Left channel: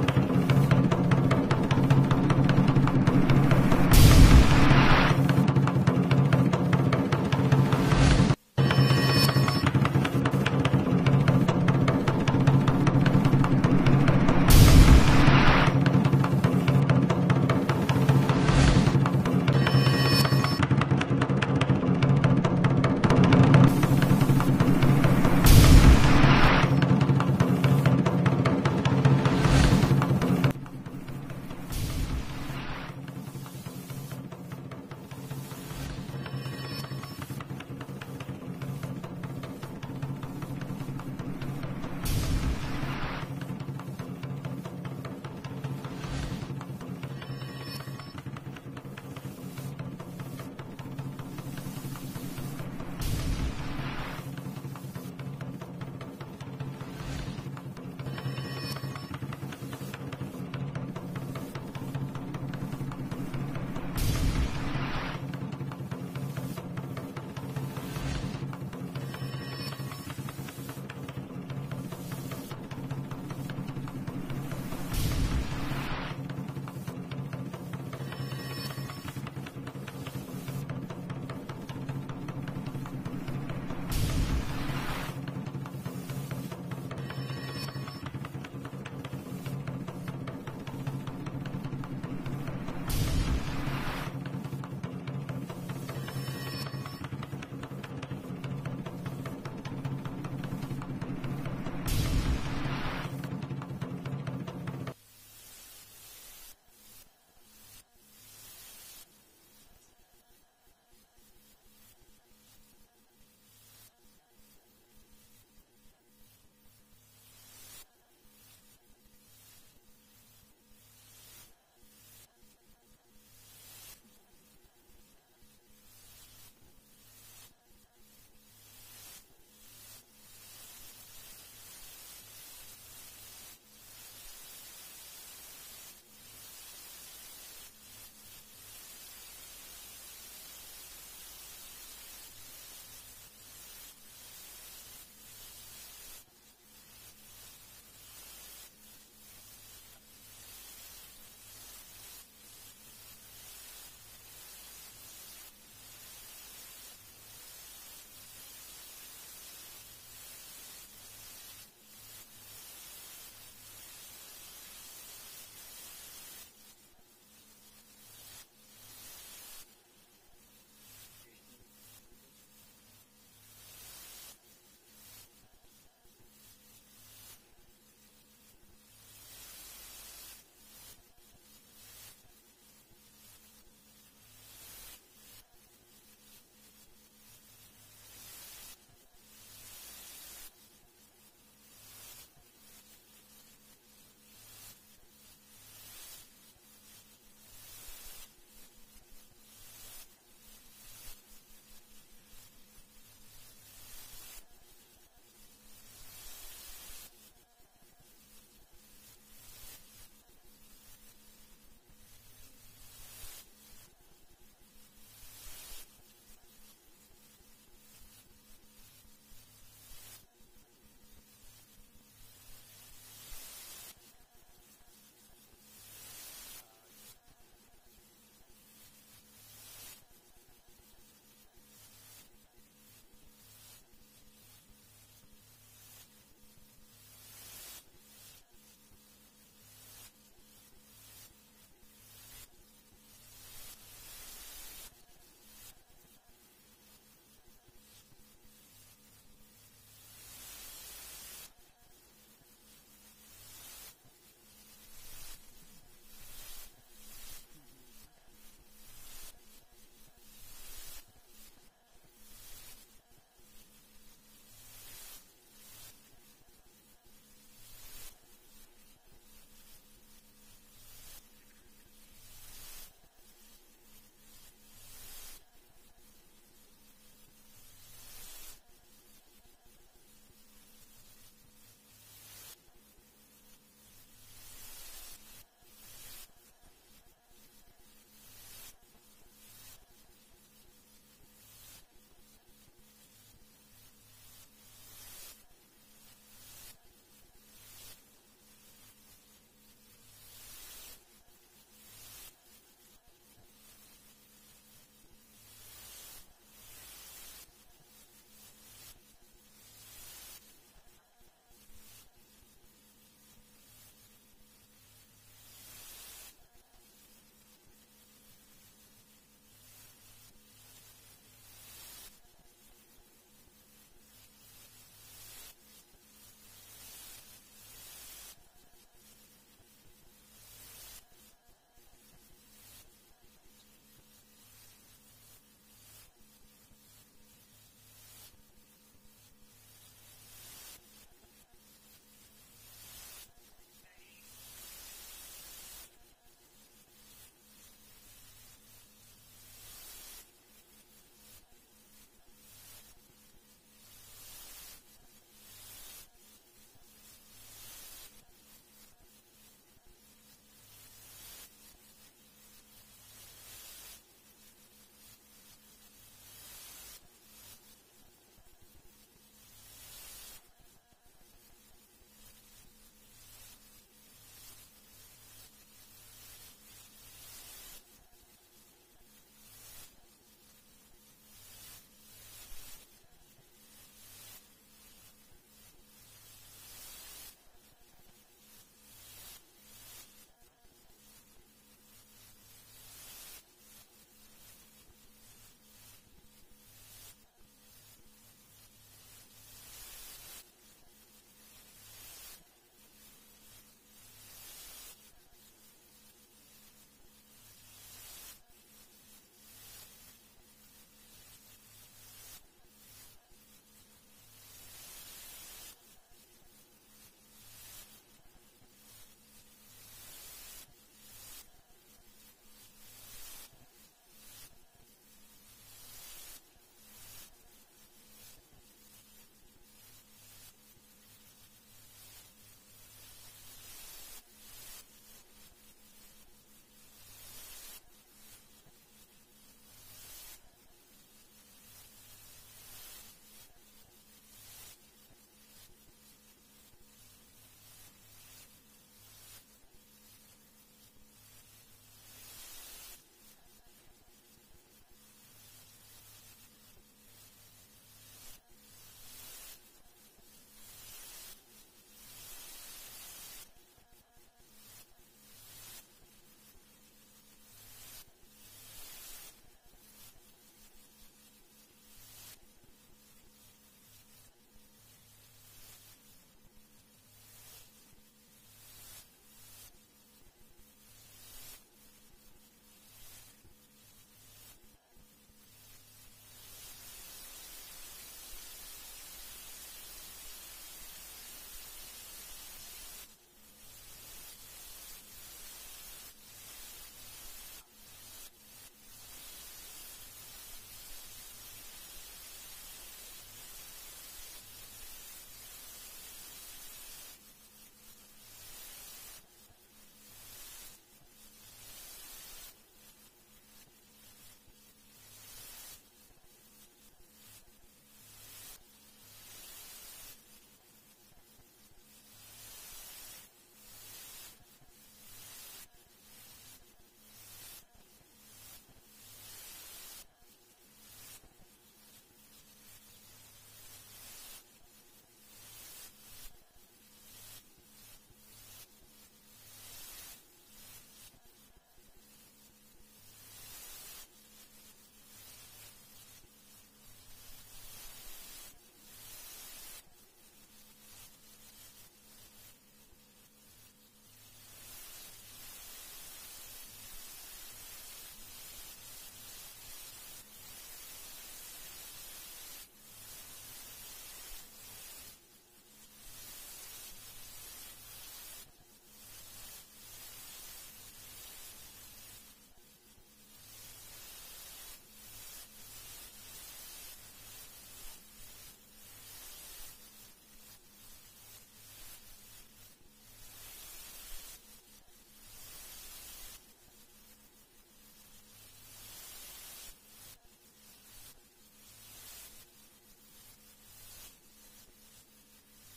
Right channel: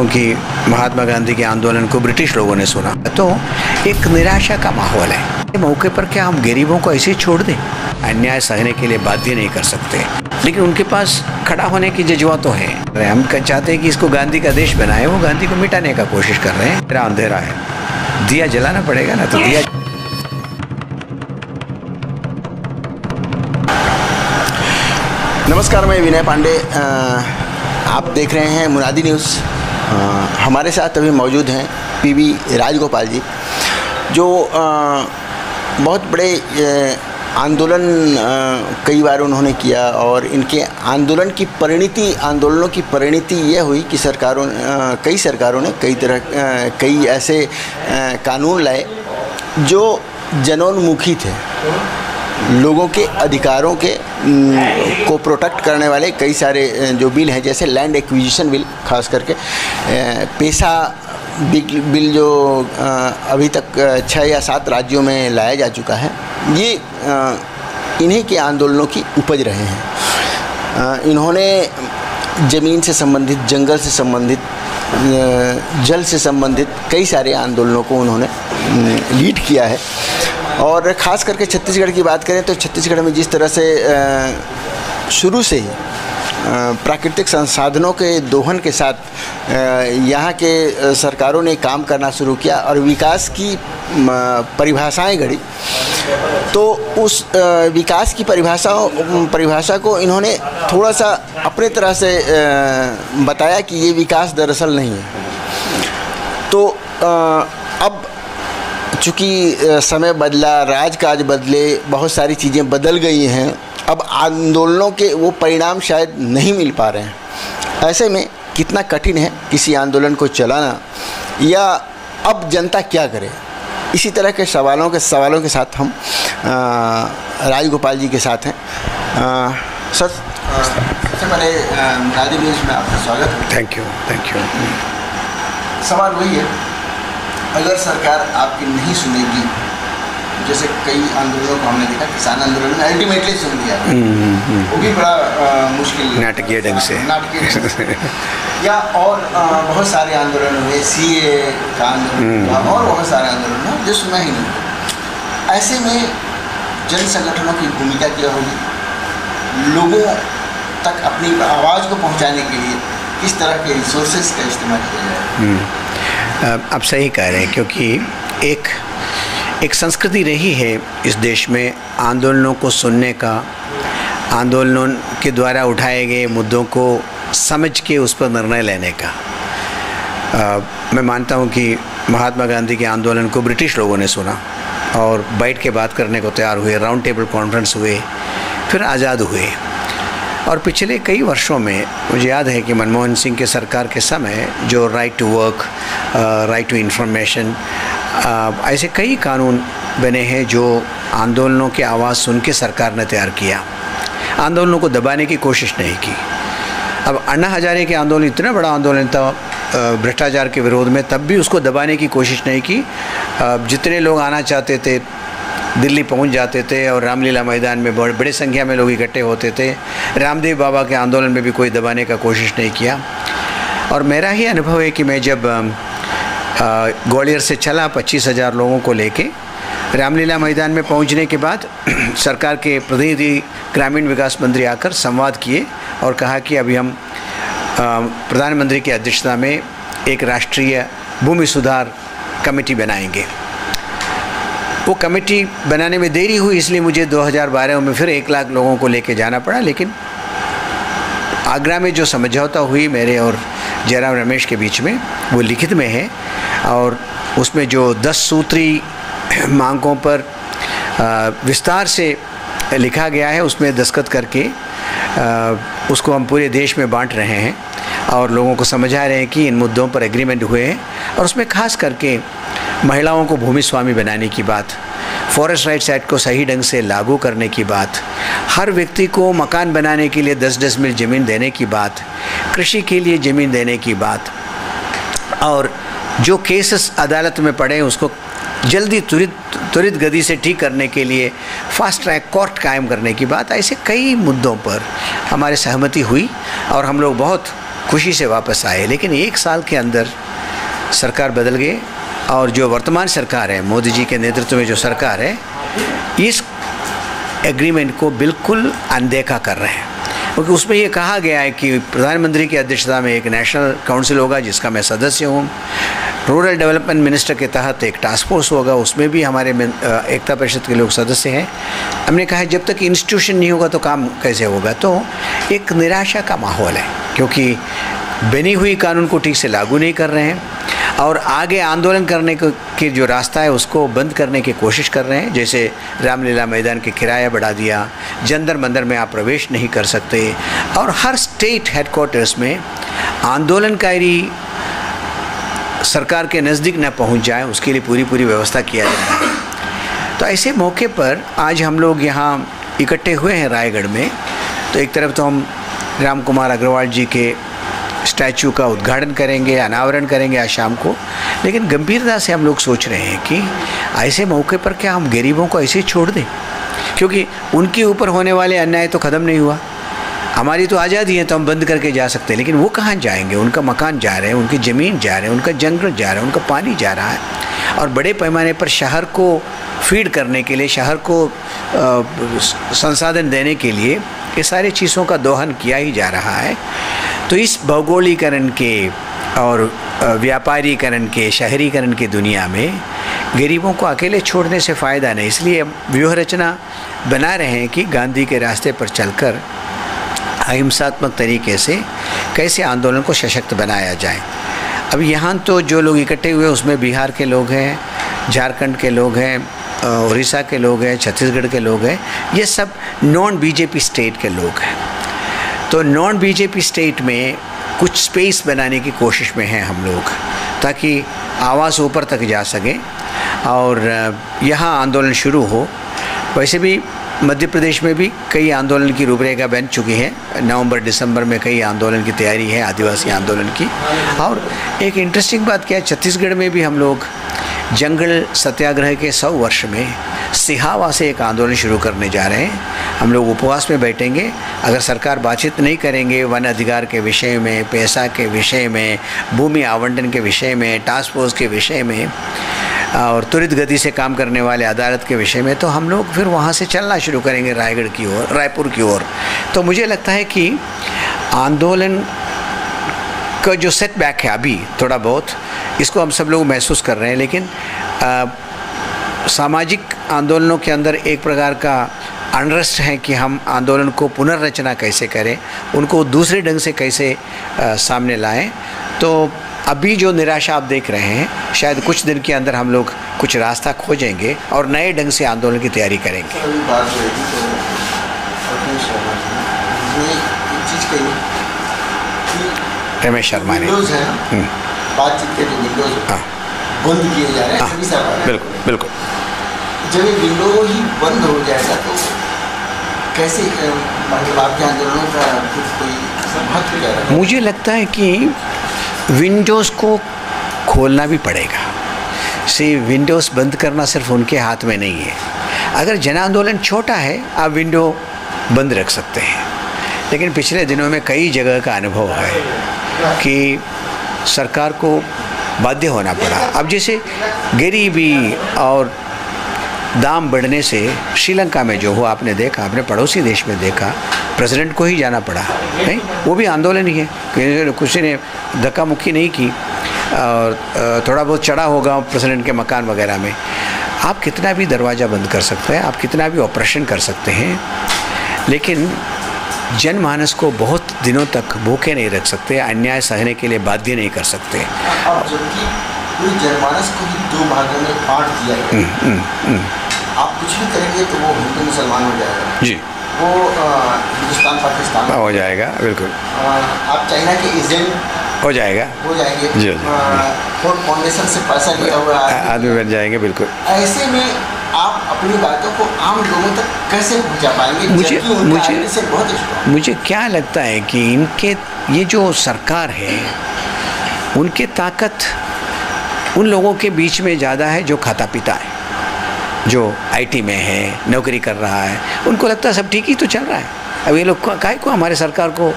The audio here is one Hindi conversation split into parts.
क्योंकि महात्मा गांधी के आंदोलन को ब्रिटिश लोगों ने सुना, तो एक निराशा का माहौल है। मौके पर क्या हम गरीबों को ऐसे ही छोड़ दें? अन्याय सहने के लिए बाध्य नहीं कर सकते, लेकिन उनके पास खड़ा होने की जज्बा तो है। हम चाहते हैं कि इसको गांधी का देश बनाए, वो गांधी को मिटाने का कोशिश कर रहे हैं। मेरा अंधेरा है, दिया जलाना पड़ेगा ना, तो दिया। नमस्कार, मैं विनय पांडे, आप देख रहे हैं मुनादी न्यूज़। हमारे साथ अभी मौजूद हैं पीवी राजगोपाल जी, जो बहुत बड़े आंदोलन कई बार उन्होंने किया, और इनके आंदोलनों की परिणति ये हुई कि कई सरकारों ने कई ऐसे कानून लाए जो जनोन्मुखी थे। लोगों के अधिकारों को प्रोटेक्ट करने वाले कई सारे जो बिल हैं, जैसे लैंड एक्विजिशन बिल, खास करके पेशा बिल जो अभी तक 6 या 7 राज्यों में लाया जा चुका है, ये इन्हीं के आंदोलनों की उपज रहे हैं। इन्होंने ज़मीन से संबंधित, जंगल से संबंधित, जल से संबंधित कई सारे आंदोलनों को उन्होंने लीड किया है। और ख़ास करके छत्तीसगढ़ की बात करें तो छत्तीसगढ़ में जिस तरह से शुरू से ही प्राकृतिक संसाधनों के दोहन के साथ यहाँ के सरकारों ने काम करना शुरू किया और विकास की परिभाषाएं गढ़ी, तो उस विकास की परिभाषा को इन्होंने थोड़ा सा अपने तरह से बताया कि ये विकास दरअसल नहीं है। तो अब चूँकि समय बदला, राजकाज बदले, बहुत सारी चीज़ें बदल गई हैं, अब आंदोलनों के वो परिणाम शायद नहीं मिल पा रहे हैं। ऐसे में कितना कठिन है किसी आंदोलन को चलाना, या अब जनता क्या करे? इसी तरह के सवालों के साथ हम राजगोपाल जी के साथ हैं। सर, सबसे पहले मुनादी न्यूज़ में आपका स्वागत है। Thank you. सवाल वही है, अगर सरकार आपकी नहीं सुनेगी, जैसे कई आंदोलनों को हमने देखा, किसान आंदोलन में अल्टीमेटली सुन लिया, वो भी बड़ा मुश्किल, नाटकीय ढंग से या और बहुत सारे आंदोलन हुए, सीए का आंदोलन हुआ, और बहुत सारे आंदोलन हुए जो सुना ही नहीं। ऐसे में जन संगठनों की भूमिका क्या होगी? लोगों तक अपनी आवाज़ को पहुंचाने के लिए किस तरह के रिसोर्सेज का इस्तेमाल किया जाए? आप सही कह रहे हैं, क्योंकि एक संस्कृति रही है इस देश में आंदोलनों को सुनने का, आंदोलनों के द्वारा उठाए गए मुद्दों को समझ के उस पर निर्णय लेने का। मैं मानता हूं कि महात्मा गांधी के आंदोलन को ब्रिटिश लोगों ने सुना और बैठ के बात करने को तैयार हुए, राउंड टेबल कॉन्फ्रेंस हुए, फिर आज़ाद हुए। और पिछले कई वर्षों में मुझे याद है कि मनमोहन सिंह के सरकार के समय जो right to work, right to information, ऐसे कई कानून बने हैं जो आंदोलनों की आवाज़ सुन के सरकार ने तैयार किया। आंदोलनों को दबाने की कोशिश नहीं की। अब अन्ना हजारे के आंदोलन इतना बड़ा आंदोलन था भ्रष्टाचार के विरोध में, तब भी उसको दबाने की कोशिश नहीं की। जितने लोग आना चाहते थे दिल्ली पहुंच जाते थे, और रामलीला मैदान में बड़ी संख्या में लोग इकट्ठे होते थे। रामदेव बाबा के आंदोलन में भी कोई दबाने का कोशिश नहीं किया। और मेरा ही अनुभव है कि मैं जब ग्वालियर से चला 25,000 लोगों को लेके रामलीला मैदान में पहुंचने के बाद सरकार के प्रतिनिधि ग्रामीण विकास मंत्री आकर संवाद किए और कहा कि अभी हम प्रधानमंत्री की अध्यक्षता में एक राष्ट्रीय भूमि सुधार कमेटी बनाएंगे। वो कमेटी बनाने में देरी हुई, इसलिए मुझे 2012 में फिर 1 लाख लोगों को लेके जाना पड़ा। लेकिन आगरा में जो समझौता हुई मेरे और जयराम रमेश के बीच में, वो लिखित में है, और उसमें जो 10 सूत्री मांगों पर विस्तार से लिखा गया है, उसमें दस्तखत करके उसको हम पूरे देश में बांट रहे हैं और लोगों को समझा रहे हैं कि इन मुद्दों पर एग्रीमेंट हुए हैं। और उसमें खास करके महिलाओं को भूमि स्वामी बनाने की बात, फॉरेस्ट राइट्स एक्ट को सही ढंग से लागू करने की बात, हर व्यक्ति को मकान बनाने के लिए 10 डेसिमल ज़मीन देने की बात, कृषि के लिए ज़मीन देने की बात, और जो केसेस अदालत में पड़े उसको जल्दी त्वरित गति से ठीक करने के लिए फास्ट ट्रैक कोर्ट कायम करने की बात। ऐसे कई मुद्दों पर हमारी सहमति हुई और हम लोग बहुत खुशी से वापस आए। लेकिन 1 साल के अंदर सरकार बदल गई और जो वर्तमान सरकार है, मोदी जी के नेतृत्व में जो सरकार है, इस एग्रीमेंट को बिल्कुल अनदेखा कर रहे हैं। क्योंकि उसमें ये कहा गया है कि प्रधानमंत्री की अध्यक्षता में एक नेशनल काउंसिल होगा जिसका मैं सदस्य हूँ। रूरल डेवलपमेंट मिनिस्टर के तहत एक टास्क फोर्स होगा, उसमें भी हमारे एकता परिषद के लोग सदस्य हैं। हमने कहा है जब तक इंस्टीट्यूशन नहीं होगा तो काम कैसे होगा। तो एक निराशा का माहौल है क्योंकि बनी हुई कानून को ठीक से लागू नहीं कर रहे हैं और आगे आंदोलन करने के जो रास्ता है उसको बंद करने की कोशिश कर रहे हैं। जैसे रामलीला मैदान के किराया बढ़ा दिया, जंतर मंतर में आप प्रवेश नहीं कर सकते और हर स्टेट हेडक्वार्टर्स में आंदोलनकारी सरकार के नज़दीक न पहुंच जाए उसके लिए पूरी व्यवस्था किया जा रहा है। तो ऐसे मौके पर आज हम लोग यहाँ इकट्ठे हुए हैं रायगढ़ में। तो एक तरफ तो हम राम कुमार अग्रवाल जी के स्टैचू का उद्घाटन करेंगे, अनावरण करेंगे आज शाम को। लेकिन गंभीरता से हम लोग सोच रहे हैं कि ऐसे मौके पर क्या हम गरीबों को ऐसे ही छोड़ दें, क्योंकि उनके ऊपर होने वाले अन्याय तो ख़त्म नहीं हुआ। हमारी तो आज़ादी है तो हम बंद करके जा सकते हैं, लेकिन वो कहाँ जाएंगे? उनका मकान जा रहे हैं, उनकी ज़मीन जा रहे हैं, उनका जंगल जा रहा है, उनका पानी जा रहा है और बड़े पैमाने पर शहर को फीड करने के लिए, शहर को संसाधन देने के लिए ये सारी चीज़ों का दोहन किया ही जा रहा है। तो इस भौगोलिकरण के और व्यापारीकरण के, शहरीकरण की दुनिया में गरीबों को अकेले छोड़ने से फ़ायदा नहीं। इसलिए व्यूह रचना बना रहे हैं कि गांधी के रास्ते पर चलकर अहिंसात्मक तरीके से कैसे आंदोलन को सशक्त बनाया जाए। अब यहाँ तो जो लोग इकट्ठे हुए उसमें बिहार के लोग हैं, झारखंड के लोग हैं, उड़ीसा के लोग हैं, छत्तीसगढ़ के लोग हैं, ये सब नॉन बीजेपी स्टेट के लोग हैं। तो नॉन बीजेपी स्टेट में कुछ स्पेस बनाने की कोशिश में हैं हम लोग, ताकि आवाज़ ऊपर तक जा सके और यहाँ आंदोलन शुरू हो। वैसे भी मध्य प्रदेश में भी कई आंदोलन की रूपरेखा बन चुकी है। नवंबर दिसंबर में कई आंदोलन की तैयारी है, आदिवासी आंदोलन की। और एक इंटरेस्टिंग बात क्या है, छत्तीसगढ़ में भी हम लोग जंगल सत्याग्रह के 100 वर्ष में सिहावा से एक आंदोलन शुरू करने जा रहे हैं। हम लोग उपवास में बैठेंगे। अगर सरकार बातचीत नहीं करेंगे वन अधिकार के विषय में, पैसा के विषय में, भूमि आवंटन के विषय में, टास्क फोर्स के विषय में और त्वरित गति से काम करने वाले अदालत के विषय में, तो हम लोग फिर वहाँ से चलना शुरू करेंगे रायगढ़ की ओर, रायपुर की ओर। तो मुझे लगता है कि आंदोलन का जो सेटबैक है अभी थोड़ा बहुत, इसको हम सब लोग महसूस कर रहे हैं। लेकिन सामाजिक आंदोलनों के अंदर एक प्रकार का अनरेस्ट है कि हम आंदोलन को पुनर्रचना कैसे करें, उनको दूसरे ढंग से कैसे सामने लाएं। तो अभी जो निराशा आप देख रहे हैं, शायद कुछ दिन के अंदर हम लोग कुछ रास्ता खोजेंगे और नए ढंग से आंदोलन की तैयारी करेंगे। रमेश शर्मा ने बातचीत के जो विंडोज बंद किए जा रहे हैं सभी सरकार, बिल्कुल बिल्कुल, जब ये विंडो ही बंद हो जाएगा तो कैसे मतलब आपके आंदोलनों का कोई महत्व हो जाएगा? मुझे लगता है कि विंडोज़ को खोलना भी पड़ेगा। विंडोज़ बंद करना सिर्फ उनके हाथ में नहीं है। अगर जन आंदोलन छोटा है आप विंडो बंद रख सकते हैं, लेकिन पिछले दिनों में कई जगह का अनुभव है कि सरकार को बाध्य होना पड़ा। अब जैसे गरीबी और दाम बढ़ने से श्रीलंका में जो हुआ आपने देखा, अपने पड़ोसी देश में देखा, प्रेसिडेंट को ही जाना पड़ा, नहीं वो भी आंदोलन ही है, किसी ने धक्का मुक्की नहीं की और थोड़ा बहुत चढ़ा होगा प्रेसिडेंट के मकान वगैरह में। आप कितना भी दरवाज़ा बंद कर सकते हैं, आप कितना भी ऑपरेशन कर सकते हैं, लेकिन जनमानस को बहुत दिनों तक भूखे नहीं रख सकते, अन्याय सहने के लिए बाध्य नहीं कर सकते। अब जबकि पूरी जनमानस को ही दो भागों में बांट दिया गया, आप कुछ भी करेंगे तो वो हिंदू मुसलमान हो जाएगा जी, वो हिंदुस्तान पाकिस्तान हो जाएगा, बिल्कुल आप चाइना के एजेंट हो जाएंगे जी, फाउंडेशन से पैसा लिया हुआ आदमी बन जाएंगे, बिल्कुल। ऐसे में आप अपनी बातों को आम लोगों तक कैसे पहुंचा पाएंगे? मुझे क्या लगता है कि इनके ये जो सरकार है उनके ताकत उन लोगों के बीच में ज़्यादा है जो खाता पीता है, जो आईटी में है, नौकरी कर रहा है, उनको लगता है सब ठीक ही तो चल रहा है। अब ये लोग काहे को हमारे सरकार को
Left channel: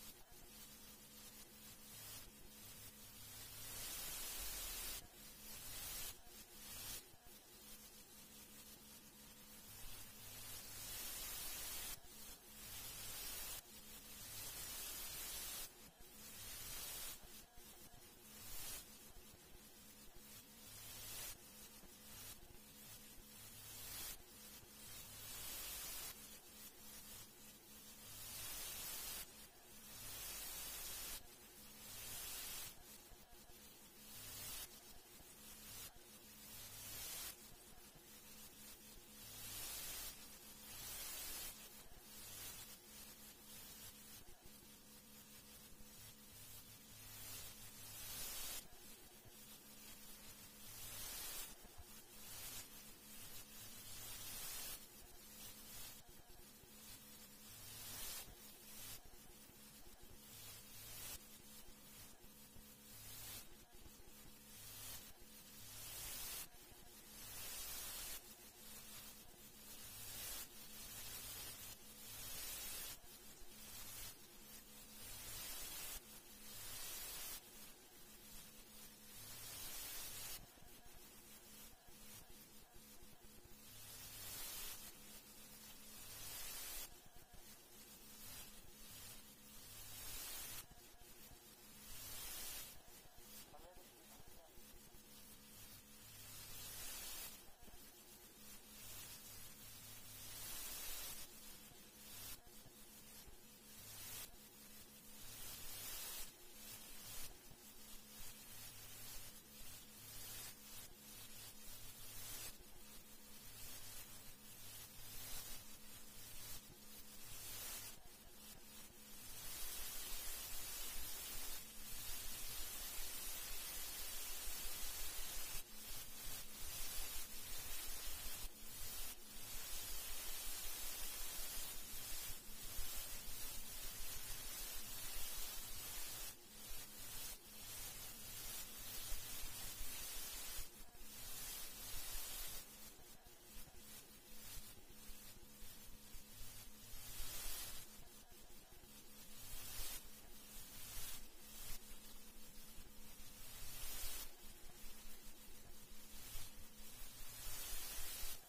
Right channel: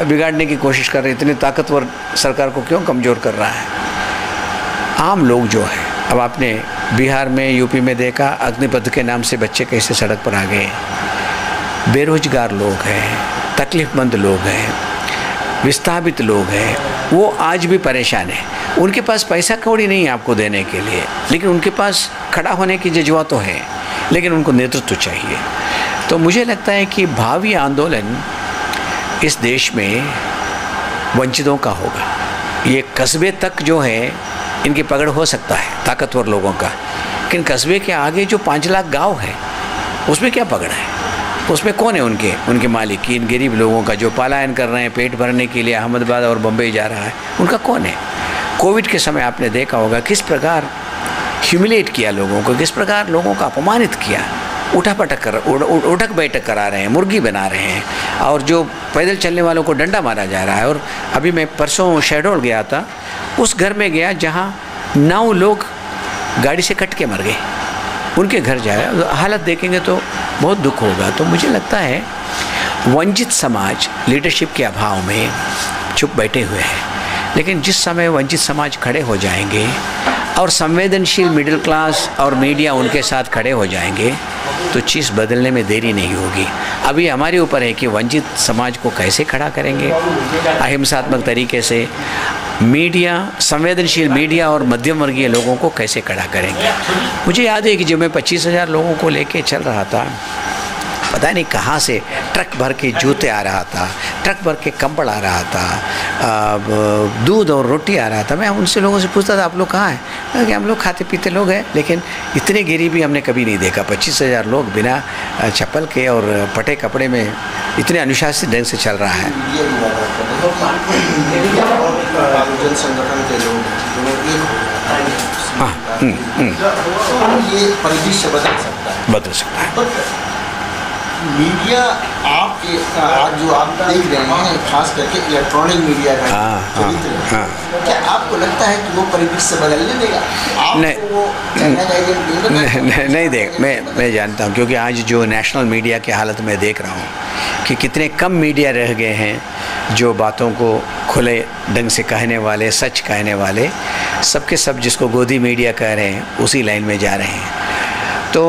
बिगाड़ने की कोशिश कर रहे हैं। इतनी ताकतवर सरकार को क्यों कमज़ोर कर रहा है? आम लोग जो है, अब आपने बिहार में, यूपी में देखा अग्निपथ के नाम से बच्चे कैसे सड़क पर आ गए। बेरोजगार लोग हैं, तकलीफ़मंद लोग हैं, विस्थापित लोग हैं, वो आज भी परेशान हैं। उनके पास पैसा कौड़ी नहीं है आपको देने के लिए, लेकिन उनके पास खड़ा होने की जज्बा तो है, लेकिन उनको नेतृत्व चाहिए। तो मुझे लगता है कि भावी आंदोलन इस देश में वंचितों का होगा। ये कस्बे तक जो है इनकी पकड़ हो सकता है ताकतवर लोगों का, लेकिन कस्बे के आगे जो 5 लाख गाँव है उसमें क्या पकड़ है? उसमें कौन है उनके मालिक? इन गरीब लोगों का जो पलायन कर रहे हैं पेट भरने के लिए अहमदाबाद और बम्बई जा रहा है, उनका कौन है? कोविड के समय आपने देखा होगा किस प्रकार ह्यूमिलेट किया लोगों को, किस प्रकार लोगों का अपमानित किया। उठक बैठक करा रहे हैं, मुर्गी बना रहे हैं, और जो पैदल चलने वालों को डंडा मारा जा रहा है। और अभी मैं परसों शहडोल गया था, उस घर में गया जहाँ 9 लोग गाड़ी से कट के मर गए। उनके घर जाए, हालत देखेंगे तो बहुत दुख होगा। तो मुझे लगता है वंचित समाज लीडरशिप के अभाव में चुप बैठे हुए हैं, लेकिन जिस समय वंचित समाज खड़े हो जाएंगे और संवेदनशील मिडिल क्लास और मीडिया उनके साथ खड़े हो जाएंगे तो चीज़ बदलने में देरी नहीं होगी। अभी हमारे ऊपर है कि वंचित समाज को कैसे खड़ा करेंगे अहिंसात्मक तरीके से, मीडिया, संवेदनशील मीडिया और मध्यम वर्गीय लोगों को कैसे खड़ा करेंगे। मुझे याद है कि जब मैं 25,000 लोगों को लेके चल रहा था, पता नहीं कहाँ से ट्रक भर के जूते आ रहा था, ट्रक भर के कंबल आ रहा था, दूध और रोटी आ रहा था। मैं उनसे लोगों से पूछता था आप लोग कहाँ हैं? कि हम लोग खाते पीते लोग हैं, लेकिन इतने गरीबी हमने कभी नहीं देखा। 25,000 लोग बिना चप्पल के और फटे कपड़े में इतने अनुशासित ढंग से चल रहा है। हाँ, ये परिदृश्य बदल सकता है। मीडिया आपके आज जो आप देख रहे हैं, खास करके इलेक्ट्रॉनिक मीडिया का चरित्र, क्या आपको लगता है कि वो परिदृश्य बदलने देगा? नहीं देख, मैं जानता हूँ, क्योंकि आज जो नेशनल मीडिया की हालत में देख रहा हूँ कि कितने कम मीडिया रह गए हैं जो बातों को खुले ढंग से कहने वाले, सच कहने वाले। सबके सब जिसको गोदी मीडिया कह रहे हैं उसी लाइन में जा रहे हैं। तो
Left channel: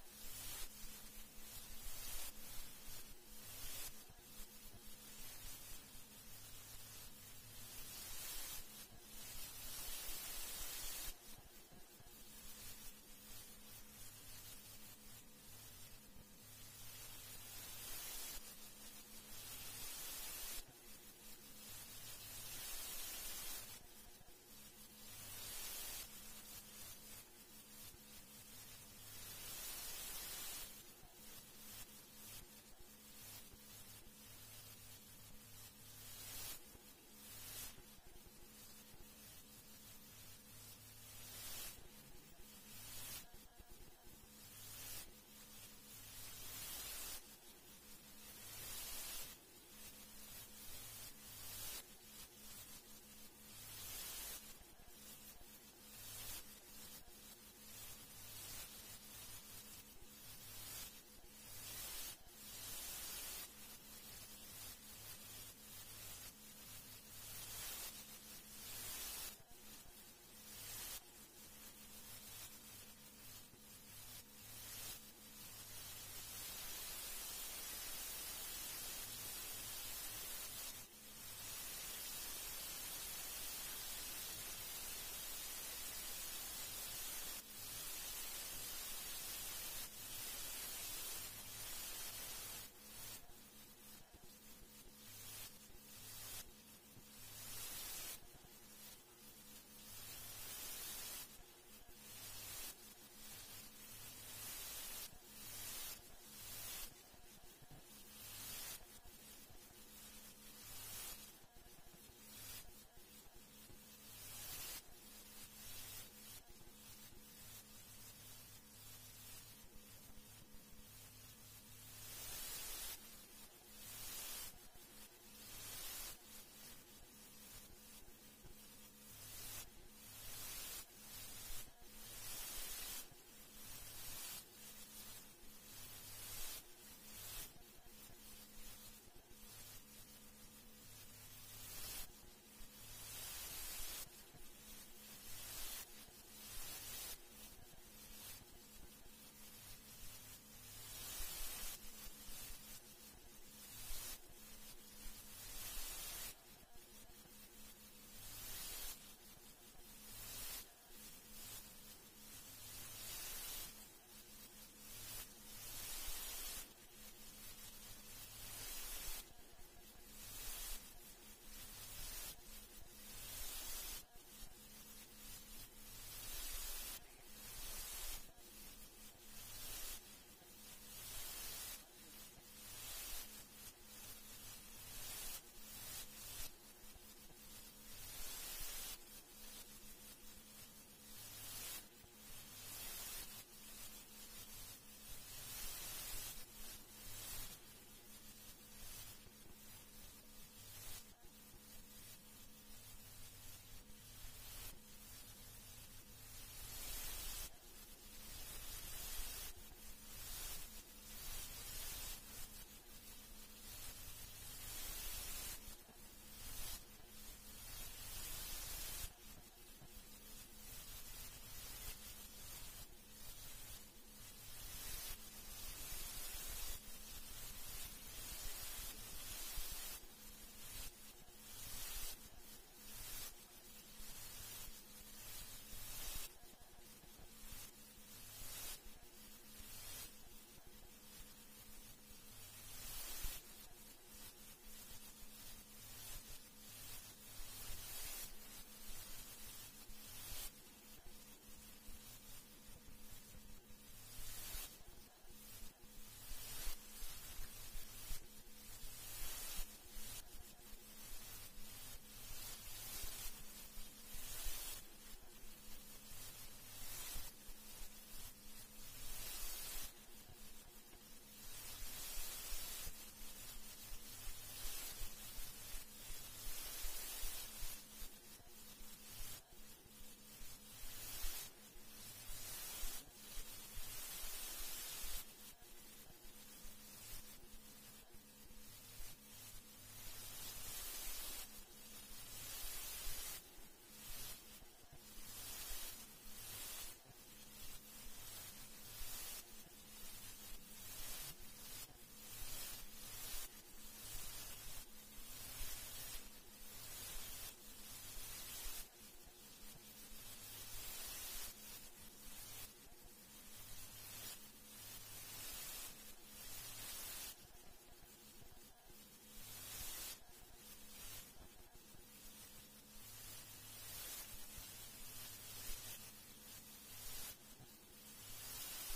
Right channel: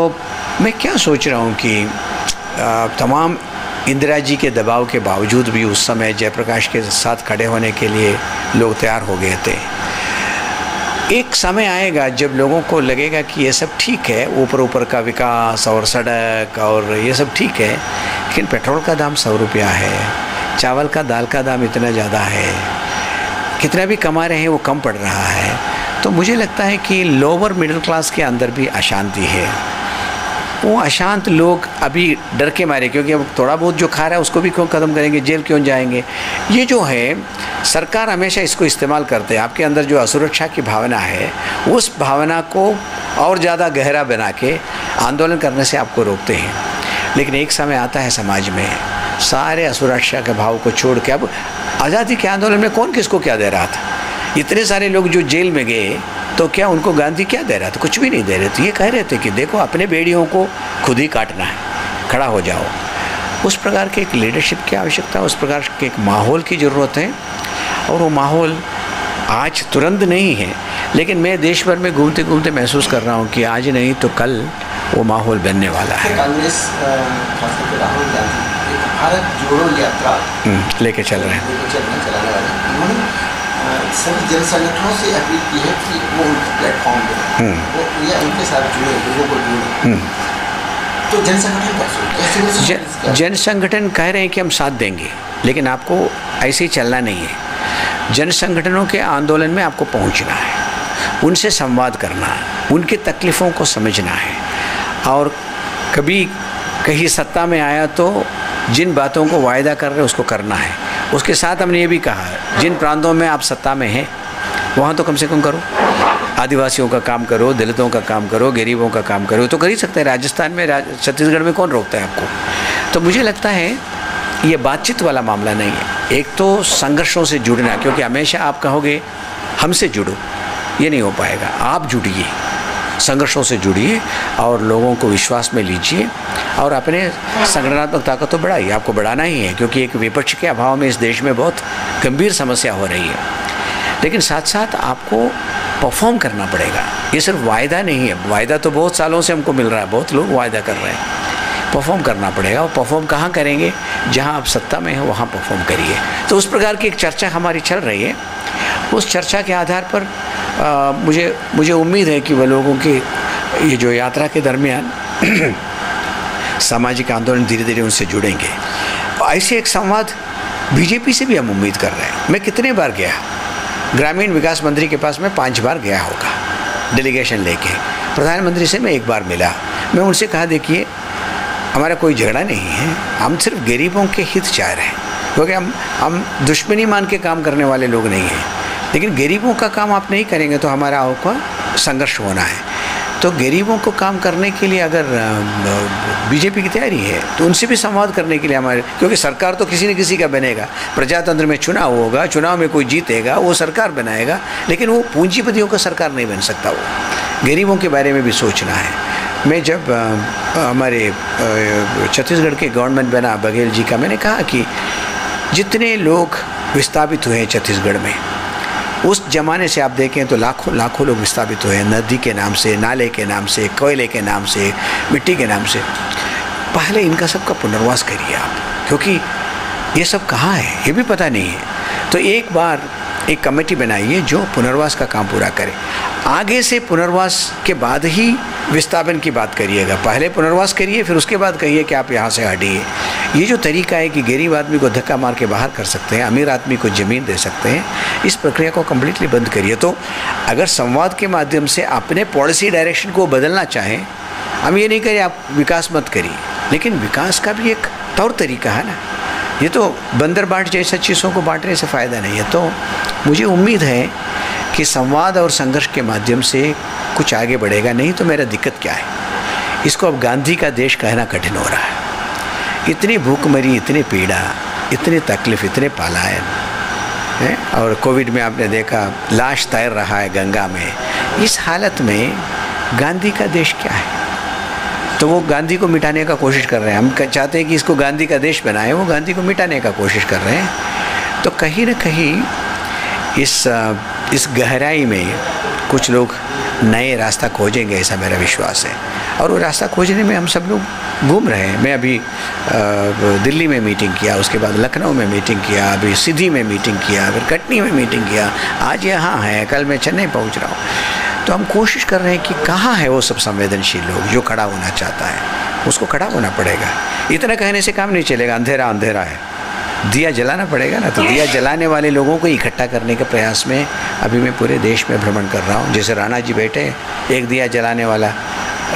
मैं क्या सोच रहा हूँ कि तमाम इंदिरा जी के दबाव के बावजूद भी उस समय जयप्रकाश के साथ खड़े होने के लिए लोग तैयार हो गए थे। एक समय आएगा जब लोगों को लगेगा कि ये सब ठीक है, ऊपर का विकास और सड़क और ये सब ठीक है, लेकिन पेट्रोल का दाम 100 रुपया है, चावल का, दाल का दाम इतना ज़्यादा है, कितना भी कमा रहे हैं वो कम पड़ रहा है। तो मुझे लगता है कि लोअर मिडिल क्लास के अंदर भी अशांति है। वो अशांत लोग अभी डर के मारे, क्योंकि अब थोड़ा बहुत जो खा रहा है उसको भी क्यों ख़त्म करेंगे, जेल क्यों जाएंगे। ये जो है सरकार हमेशा इसको इस्तेमाल करते हैं। आपके अंदर जो असुरक्षा की भावना है उस भावना को और ज़्यादा गहरा बना के आंदोलन करने से आपको रोकते हैं। लेकिन एक समय आता है समाज में सारे असुरक्षा के भाव को छोड़ के, अब आज़ादी के आंदोलन में कौन किसको क्या दे रहा था? इतने सारे लोग जो जेल में गए तो क्या उनको गांधी क्या दे रहा था? कुछ भी नहीं दे रहे थे। ये कह रहे थे कि देखो अपने बेड़ियों को खुद ही काटना है, खड़ा हो जाओ। उस प्रकार के एक लीडरशिप की आवश्यकता है, उस प्रकार के एक माहौल की ज़रूरत है। और वो माहौल आज तुरंत नहीं है, लेकिन मैं देश भर में घूमते घूमते महसूस कर रहा हूँ कि आज नहीं तो कल वो माहौल बनने वाला है। कांग्रेस राहुल गांधी भारत जोड़ो यात्रा लेके चल रहे हैं। सभी जन संगठनों से अपील की है कि वो उनका प्लेटफॉर्म दें, वो या उनके साथ जुड़े, लोगों को जोड़ें। तो जन संगठन कैसे? जन संगठन कह रहे हैं कि हम साथ देंगे, लेकिन आपको ऐसे ही चलना नहीं है। जन संगठनों के आंदोलन में आपको पहुंचना है, उनसे संवाद करना है, उनकी तकलीफ़ों को समझना है। और कभी कहीं सत्ता में आया तो जिन बातों को वायदा कर रहे हैं उसको करना है। उसके साथ हमने ये भी कहा जिन प्रांतों में आप सत्ता में हैं वहाँ तो कम से कम करो, आदिवासियों का काम करो, दलितों का काम करो, गरीबों का काम करो, तो कर ही सकते हैं। राजस्थान में, छत्तीसगढ़ में कौन रोकता है आपको? तो मुझे लगता है ये बातचीत वाला मामला नहीं है। एक तो संघर्षों से जुड़ना, क्योंकि हमेशा आप कहोगे हमसे जुड़ो, ये नहीं हो पाएगा। आप जुड़िए, संघर्षों से जुड़िए और लोगों को विश्वास में लीजिए और अपने संगठनात्मक ताकत तो बढ़ाइए। आपको बढ़ाना ही है, क्योंकि एक विपक्ष के अभाव में इस देश में बहुत गंभीर समस्या हो रही है। लेकिन साथ साथ आपको परफॉर्म करना पड़ेगा। ये सिर्फ वायदा नहीं है, वायदा तो बहुत सालों से हमको मिल रहा है, बहुत लोग वायदा कर रहे हैं। परफॉर्म करना पड़ेगा। और परफॉर्म कहाँ करेंगे? जहाँ आप सत्ता में हो वहाँ परफॉर्म करिए। तो उस प्रकार की एक चर्चा हमारी चल रही है। उस चर्चा के आधार पर मुझे उम्मीद है कि वह लोगों की ये जो यात्रा के दरमियान सामाजिक आंदोलन धीरे धीरे उनसे जुड़ेंगे। ऐसे एक संवाद बीजेपी से भी हम उम्मीद कर रहे हैं। मैं कितने बार गया ग्रामीण विकास मंत्री के पास, मैं 5 बार गया होगा डेलीगेशन लेके। प्रधानमंत्री से मैं 1 बार मिला। मैं उनसे कहा, देखिए हमारा कोई झगड़ा नहीं है, हम सिर्फ गरीबों के हित चाह रहे हैं, क्योंकि हम दुश्मनी मान के काम करने वाले लोग नहीं हैं। लेकिन गरीबों का काम आप नहीं करेंगे तो हमारा आपका संघर्ष होना है। तो गरीबों को काम करने के लिए अगर बीजेपी की तैयारी है तो उनसे भी संवाद करने के लिए हमारे, क्योंकि सरकार तो किसी न किसी का बनेगा। प्रजातंत्र में चुनाव होगा, चुनाव में कोई जीतेगा, वो सरकार बनाएगा, लेकिन वो पूंजीपतियों का सरकार नहीं बन सकता। वो गरीबों के बारे में भी सोचना है। मैं जब हमारे छत्तीसगढ़ के गवर्नमेंट बना बघेल जी का, मैंने कहा कि जितने लोग विस्थापित हुए हैं छत्तीसगढ़ में, उस ज़माने से आप देखें तो लाखों लोग विस्थापित हुए हैं। नदी के नाम से, नाले के नाम से, कोयले के नाम से, मिट्टी के नाम से। पहले इनका सबका पुनर्वास करिए आप, क्योंकि ये सब कहाँ है ये भी पता नहीं है। तो एक बार एक कमेटी बनाइए जो पुनर्वास का काम पूरा करे। आगे से पुनर्वास के बाद ही विस्थापन की बात करिएगा। पहले पुनर्वास करिए, फिर उसके बाद कहिए कि आप यहाँ से हटिए। ये जो तरीका है कि गरीब आदमी को धक्का मार के बाहर कर सकते हैं, अमीर आदमी को ज़मीन दे सकते हैं, इस प्रक्रिया को कम्प्लीटली बंद करिए। तो अगर संवाद के माध्यम से अपने पॉलिसी डायरेक्शन को बदलना चाहें, हम ये नहीं करें आप विकास मत करिए, लेकिन विकास का भी एक तौर तरीका है ना। ये तो बंदर बाट जैसा चीज़ों को बांटने से फ़ायदा नहीं है। तो मुझे उम्मीद है कि संवाद और संघर्ष के माध्यम से कुछ आगे बढ़ेगा। नहीं तो मेरा दिक्कत क्या है, इसको अब गांधी का देश कहना कठिन हो रहा है। इतनी भूखमरी, इतनी पीड़ा, इतनी तकलीफ, इतने पलायन है, और कोविड में आपने देखा लाश तैर रहा है गंगा में। इस हालत में गांधी का देश क्या है? तो वो गांधी को मिटाने का कोशिश कर रहे हैं। हम चाहते हैं कि इसको गांधी का देश बनाए, वो गांधी को मिटाने का कोशिश कर रहे हैं। तो कहीं न कहीं इस गहराई में कुछ लोग नए रास्ता खोजेंगे, ऐसा मेरा विश्वास है। और वो रास्ता खोजने में हम सब लोग घूम रहे हैं। मैं अभी दिल्ली में मीटिंग किया, उसके बाद लखनऊ में मीटिंग किया, अभी सीधी में मीटिंग किया, फिर कटनी में मीटिंग किया, आज यहाँ है, कल मैं चेन्नई पहुँच रहा हूँ। तो हम कोशिश कर रहे हैं कि कहाँ है वो सब संवेदनशील लोग जो खड़ा होना चाहता है, उसको खड़ा होना पड़ेगा। इतना कहने से काम नहीं चलेगा, अंधेरा अंधेरा है, दिया जलाना पड़ेगा ना। तो दिया जलाने वाले लोगों को इकट्ठा करने के प्रयास में अभी मैं पूरे देश में भ्रमण कर रहा हूँ। जैसे राणा जी बैठे, एक दिया जलाने वाला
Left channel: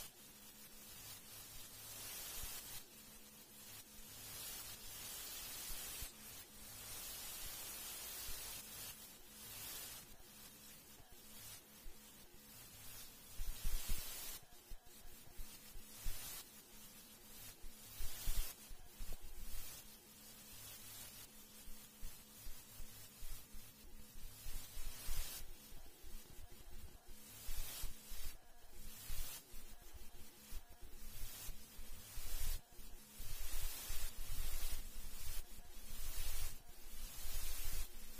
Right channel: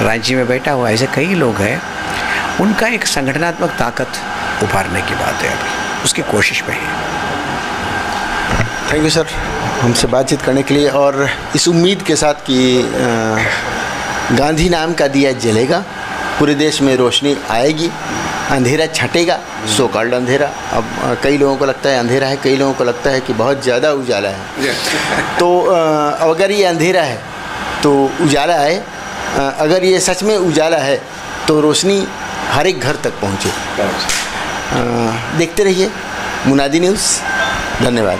रांची में बैठा हुआ, ऐसे कई लोग हैं। उनका एक संगठनात्मक ताकत उभारने की बात है, अभी उसकी कोशिश में है। थैंक यू सर, हमसे बातचीत करने के लिए, और इस उम्मीद के साथ कि गांधी नाम का दिया जलेगा, पूरे देश में रोशनी आएगी, अंधेरा छटेगा, सो कॉल्ड अंधेरा। अब कई लोगों को लगता है अंधेरा है, कई लोगों को लगता है कि बहुत ज़्यादा उजाला है। तो अगर ये अंधेरा है तो उजाला है, अगर ये सच में उजाला है तो रोशनी हर एक घर तक पहुँचे। देखते रहिए मुनादी न्यूज़। धन्यवाद।